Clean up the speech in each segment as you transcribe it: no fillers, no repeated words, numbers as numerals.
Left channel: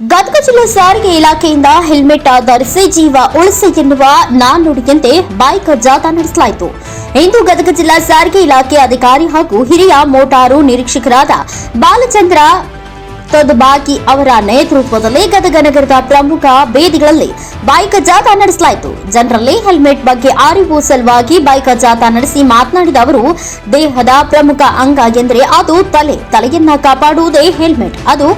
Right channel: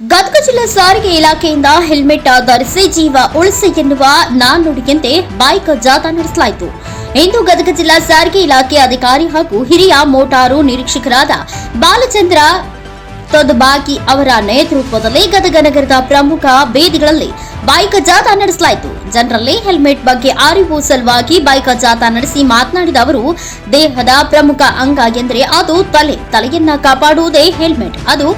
ಗದಗ ಜಿಲ್ಲಾ ಸಾರಿಗೆ ಇಲಾಖೆಯಿಂದ ಹೆಲ್ಮೆಟ್ ಧರಿಸಿ ಜೀವ ಉಳಿಸಿ ಎನ್ನುವ ನಾಣ್ಣುಡಿಯಂತೆ ಬೈಕ್ ಜಾಥಾ ನಡೆಸಲಾಯಿತು. ಇಂದು ಗದಗ ಜಿಲ್ಲಾ ಸಾರಿಗೆ ಇಲಾಖೆ ಅಧಿಕಾರಿ ಹಾಗೂ ಹಿರಿಯ ಮೋಟಾರು ನಿರೀಕ್ಷಕರಾದ ಬಾಲಚಂದ್ರ ತೊದಬಾಗಿ ಅವರ ನೇತೃತ್ವದಲ್ಲಿ ಗದಗ ನಗರದ ಪ್ರಮುಖ ಬೀದಿಗಳಲ್ಲಿ ಬೈಕ್ ಜಾಥಾ ನಡೆಸಲಾಯಿತು. ಜನರಲ್ಲಿ ಹೆಲ್ಮೆಟ್ ಬಗ್ಗೆ ಅರಿವು ಸಲುವಾಗಿ ಬೈಕ್ ಜಾಥಾ ನಡೆಸಿ ಮಾತನಾಡಿದ ಅವರು, ದೇಹದ ಪ್ರಮುಖ ಅಂಗ ಎಂದರೆ ಅದು ತಲೆಯನ್ನ ಕಾಪಾಡುವುದೇ ಹೆಲ್ಮೆಟ್. ಅದು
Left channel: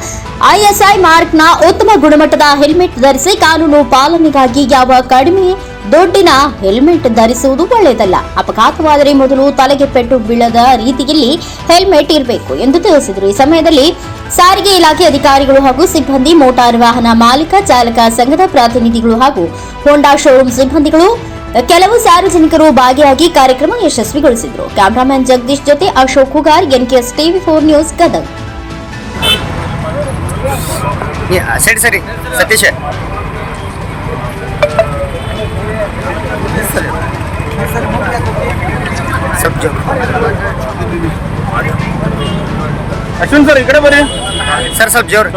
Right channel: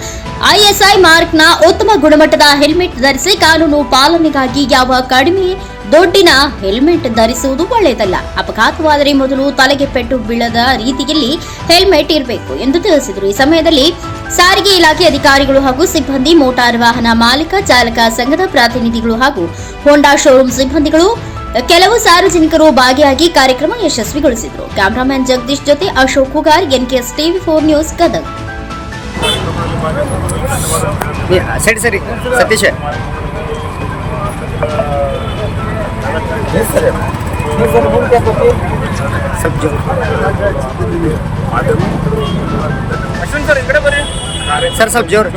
ಐಎಸ್ಐ ಮಾರ್ಕ್ನ ಉತ್ತಮ ಗುಣಮಟ್ಟದ ಹೆಲ್ಮೆಟ್ ಧರಿಸಿ ಕಾನೂನು ಪಾಲನೆಗಾಗಿ ಯಾವ ಕಡಿಮೆ ದುಡ್ಡಿನ ಹೆಲ್ಮೆಟ್ ಧರಿಸುವುದು ಒಳ್ಳೆಯದಲ್ಲ. ಅಪಘಾತವಾದರೆ ಮೊದಲು ತಲೆಗೆ ಪೆಟ್ಟು ಬೀಳದ ರೀತಿಯಲ್ಲಿ ಹೆಲ್ಮೆಟ್ ಇರಬೇಕು ಎಂದು ತಿಳಿಸಿದರು. ಈ ಸಮಯದಲ್ಲಿ ಸಾರಿಗೆ ಇಲಾಖೆ ಅಧಿಕಾರಿಗಳು ಹಾಗೂ ಸಿಬ್ಬಂದಿ, ಮೋಟಾರ್ ವಾಹನ ಮಾಲೀಕ ಚಾಲಕ ಸಂಘದ ಪ್ರತಿನಿಧಿಗಳು ಹಾಗೂ ಹೋಂಡಾ ಶೋರೂಮ್ ಸಿಬ್ಬಂದಿಗಳು, ಕೆಲವು ಸಾರ್ವಜನಿಕರು ಭಾಗಿಯಾಗಿ ಕಾರ್ಯಕ್ರಮ ಯಶಸ್ವಿಗೊಳಿಸಿದರು. ಕ್ಯಾಮರಾಮನ್ ಜಗದೀಶ್ ಜೊತೆ ಅಶೋಕ್ ಹುಗಾರ್, ಎನ್ಕೆಎಸ್ ಟಿವಿ4 ನ್ಯೂಸ್, ಗದಗ. ಸರಿ ಸತೀಶ್ ಅಶ್ವಿನ್ ಸರ್ ಈ ಕಡೆ ಬನ್ನಿ ಸರ್, ಸ್ವಲ್ಪ ಜೋರು.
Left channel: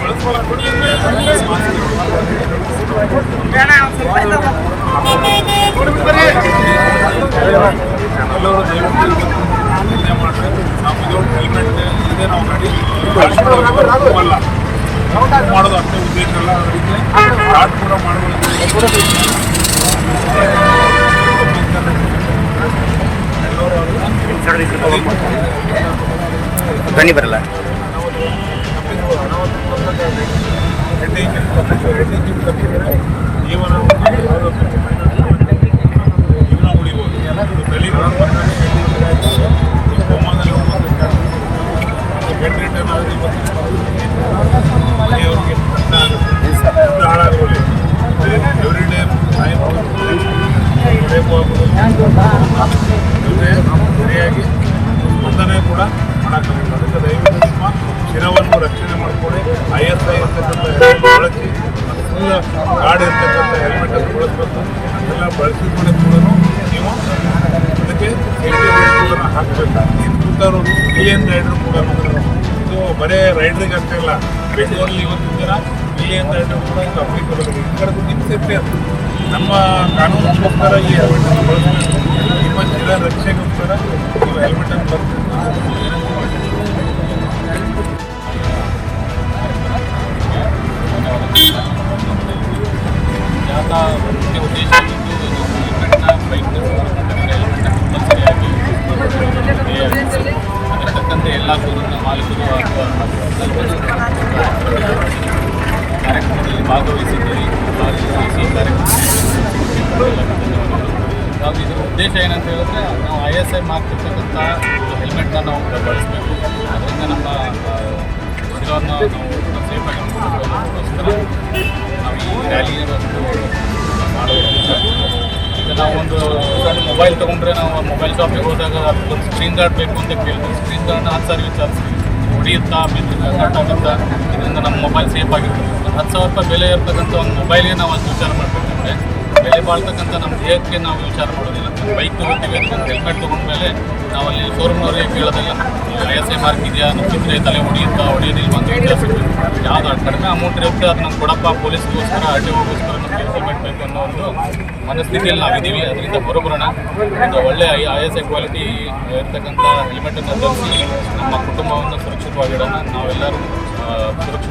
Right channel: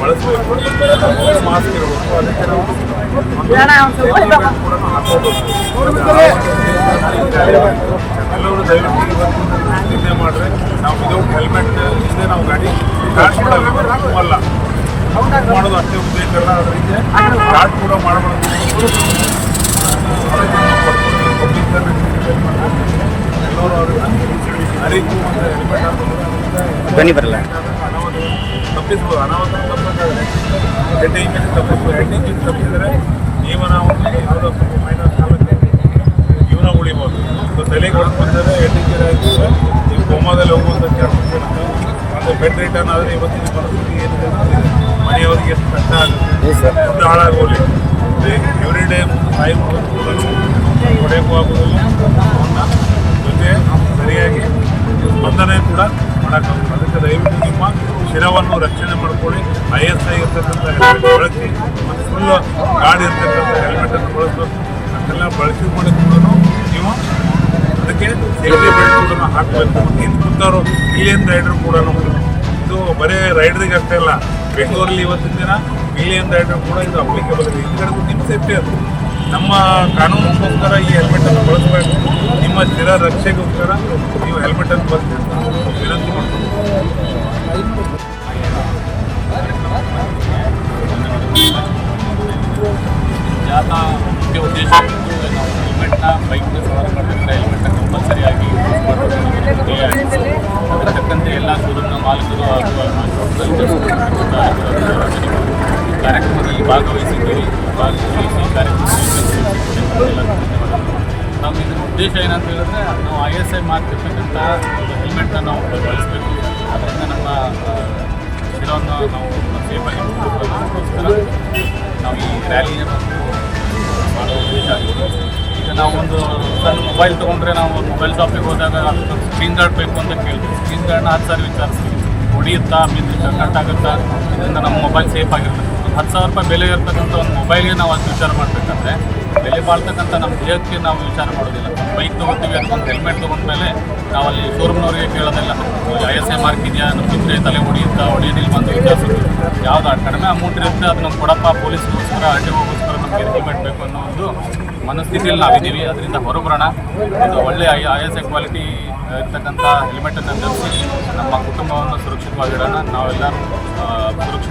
ಬಳಸಬೇಕು, ಮಾಸ್ಕ್ ಇರಬೇಕು, ಅದಕ್ಕೆ ನಾವು ಹಾಕೋಬೇಕು. ಎಲ್ಲರೂ ದಯವಿಟ್ಟು ಇವತ್ತು ನಿನ್ನೆ ಮಾಡಿದ್ರೆ ನಾವು ವಿದೌಟ್ ಹೆಲ್ಮೆಟ್ ಇಲ್ಲದೆ ನಾವು ಗಾಡಿ ಸ್ಟಾರ್ಟ್ ಮಾಡಲ್ಲ ಮಾಡೋದು ಅಷ್ಟೇ ಉದ್ದೇಶ ಅಲ್ಲ. ಅದರಿಂದ ಸ್ಟಾರ್ಟ್ ಕೂಡ ಮಾಡಬಹುದು. ಎಲ್ಲರೂ ಅದನ್ನು ಹೆಲ್ಮೆಟ್ ಹಾಕೋದು ಧ್ವನಿ ಬರಲ್ಲ, ತಪ್ಪಿಸ್ಬೋದು. ಹೆಡ್ ಇಂಜಿನ್ ತಪ್ಪಿಸಿದರೆ ಜೀವನ ಯಾವುದೋ ಸ್ವಲ್ಪ ಮೈನಸ್ ಜೀವನ ಉಳಿಬೋದು. ತಲೆಗೆ ಹೊಡೆದು ಬಂದರೆ ಹೆಡ್ ಇಂಜಿನ್ ಆಗಿದ್ರೆ ನೀವು ಕೋಮಾದಲ್ಲಿ ಹೋಗುವಂಥ ಚಾನ್ಸಸ್ ಇರುತ್ತೆ. ಮತ್ತು ಬೆಡ್ ರಿಟರ್ನ್ ಆದರೆ ಇವತ್ತಿನ ಪರಿಸ್ಥಿತಿ ಏನಿದೆ ಮನೆಯವರಿಗೆ ಕಷ್ಟ ಆಗುತ್ತೆ, ದುಡ್ಡು ಹಾಳಾಗೋಲಿ. ಎವ್ರಿ ಡೇ ತಾಯಿ ಹೊಡೆಯಕ್ಕೂ ಆಗೋದಿಲ್ಲ. ಅವನ್ನ ಜೊತೆ ಸರಿಯಾಗಿ ಸ್ಪಂದನೆ ಕೂಡ ಮಾಡೋಕ್ಕಾಗುತ್ತೆ. ಅದಕ್ಕೆ ದಯವಿಟ್ಟು ನಿಮ್ಮ ಶಿರವನ್ನು ರಕ್ಷಣೆ ಮಾಡ್ಕೊಳ್ಳಿ. ISI ಇರ್ತಕ್ಕಂಥ ಹೆಲ್ಮೆಟ್ ಬಳಸಿ ಮತ್ತು ಫುಲ್ ಗಾಡಿ ಇರ್ತಕ್ಕಂಥ ಹೆಲ್ಮೆಟನ್ನು ಬಳಸಬೇಕು. ಅದೆಲ್ಲ ಬಳಸಿಕೊಂಡು ಕೂಡ ನೀವು ಅದಕ್ಕೆ ಸೇಫ್ಟಿ ಬೆಲ್ಟ್ ಕೂಡ ಹಾಕಬೇಕು. ಇನ್ನು ಕೂತವರು ಮಿಲಿಯನ್ ರೈಡರ್ ಕೂಡ, ಇದು ಬರೀ ರೈಡ್ರಿಗೆ ಅಷ್ಟೇ ಅಲ್ಲ, ಬೆಂಗಳೂರಲ್ಲಿ ಇವತ್ತಿನ ದಿನ ಮಿಲಿಯನ್ ರೈಡರ್ ಕೂಡ ಇದು ಅಪ್ಲಿಕೇಬಲ್ ಇದೆ. ಈ ಕಡೆ ನಿಮ್ಮ ಸೇಫ್ಟಿ ಅದು ನಮ್ಮ ಕಾನೂನಿಗೋಸ್ಕರ ಈ ಹೆಲ್ಮೆಟನ್ನು ಬಳಸಬೇಕು. ನಿಮ್ಮ ಶಿರ ರಕ್ಷೆಗೋಸ್ಕರ ನೀವು ಹೆಲ್ಮೆಟನ್ನು ಬಳಸಿ ವಿನಂತಿ ಮಾಡ್ತೀವಿ. ಜಾಥಾ ಮುಖ್ಯ ಉದ್ದೇಶ ಆಗಿದ್ದು, ನಾವು ಹೆಲ್ಮೆಟ್ನ ಬೈಕ್ನ ಸವಾರ ಮಾಡಬೇಕಾದ್ರೆ ಹೆಲ್ಮೆಟ್ನ ಕಂಪಲ್ಸರಿಯಾಗಿ ಯೂಸ್ ಮಾಡಬೇಕು. ಅದಕ್ಕೆ ತಕ್ಕಂತೆ ಎಲ್ಲ ಶೋರೂಮ್ನ ಮಾಲೀಕರು ಹಾಗೂ ಕಾರ್ಯಕ್ರಮದಲ್ಲಿ ಭಾಗವಹಿಸಿ ಕಾರ್ಯಕ್ರಮ ಎಲ್ಲರಿಗೂ ಧನ್ಯವಾದಗಳು. ಹಾಗೂ ಇದರ ಉದ್ದೇಶ ಏನಂತ ಹೇಳಿದ್ರೆ, ನಾವು ISI ಮಾರ್ಕ್ ಇರ್ತಕ್ಕಂಥ ಒಂದು ಹೆಲ್ಮೆಟ್ನ ನಾವು ಬಳಸಬೇಕು. ಅದರಿಂದ ನಮ್ಮ ಶಿರವನ್ನು ನಾವು ಸೇಫಾಗಿ ನೋಡೋದಕ್ಕೋಸ್ಕರ ನಾವು ಈ ರ್ಯಾಲಿಯನ್ನು ಮಾಡೋ ಉದ್ದೇಶ ಆಗಿತ್ತು. ಈಗ ನಾವು ಒಂದು ಸಣ್ಣ ಮೊಬೈಲ್ ತೊಗೊಂಡ್ರೆ ನಾವು ಮೊಬೈಲ್ ಶಾಪಿಗೆ ಹೋದಾಗ ಅದಕ್ಕೊಂದು ಸ್ಕ್ರೀನ್ ಗಾರ್ಡ್ ಬೇಕು ಅಂತ ಕೇಳ್ತೀವಿ. ಸ್ಕ್ರೀನ್ ಗಾರ್ಡ್ನ 10 ಸಾವಿರ ವಿಚಾರಿಸ್ತೀವಿ, ಹೊಡಿಯುತ್ತಾ ಬಿದ್ದು ಕಟ್ ಆಗುತ್ತಾ, ಇದರಿಂದ ನಮ್ಮ ಮೊಬೈಲ್ ಸೇಫ್ ಆಗಿರ್ತದೆ. ಒಂದು 10,000 ರೂಪಾಯಿ ಬೆಲೆ ಇರ್ತಕ್ಕಂಥ ಒಂದು ಮೊಬೈಲ್ಗೆ ನಾವು ಅಷ್ಟು ವಿಚಾರ ಮಾಡಬೇಕಂದ್ರೆ, ಬೆಲೆ ಬಾಳ್ತಕ್ಕಂಥ ನಮ್ಮ ದೇಹಕ್ಕೆ ನಾವು ವಿಚಾರ ಮಾಡೋದಿಲ್ಲ. ಒಂದು ಬೈಕ್ ತೊಗೋತೀವಿ, ಅದಕ್ಕೊಂದು ಹೆಲ್ಮೆಟ್ ತೊಗೊಂಡ್ಮೇಲೆ ನಾವು ಅಲ್ಲಿ ಶೋರೂಮ್ನವ್ರಿಗೆ ಕೇಳೋದಿಲ್ಲ, ISI ಮಾರ್ಕ್ ಇದೆಯಾ, ನಮ್ಗಿದ್ರೆ ತಲೆ ಹೊಡಿಯೋದಿಲ್ಲ ಅಂತ ವಿಚಾರಿಸ್ತೀವಿ. ಯಾವ್ದು ಕಡಿಮೆ ಅಮೌಂಟ್ ಇರುತ್ತೆ ಅದು ನಮ್ಗೆ ಕೊಡಪ್ಪ, ಪೊಲೀಸ್ಗೋಸ್ಕರ RTOಗೋಸ್ಕರ ನಮಗೆ ಹೆಲ್ಮೆಟ್ ಬೇಕು ಅನ್ನೋ ಒಂದು ಮನಸ್ಥಿತಿಯಲ್ಲಿ ನಾವಿದ್ದೀವಿ. ಅದರಿಂದ ಹೊರಬರೋಣ, ಒಂದು ಒಳ್ಳೆಯ ISI ಕ್ವಾಲಿಟಿ ಇರ್ತಕ್ಕಂಥ ಹೆಲ್ಮೆಟನ್ನು ಧರಿಸಿ ನಮ್ಮ ಕುಟುಂಬವನ್ನು ಸುರಕ್ಷಿತವಾಗಿಡೋಣ. ನಾವೆಲ್ಲರೂ ಸುರಕ್ಷಿತ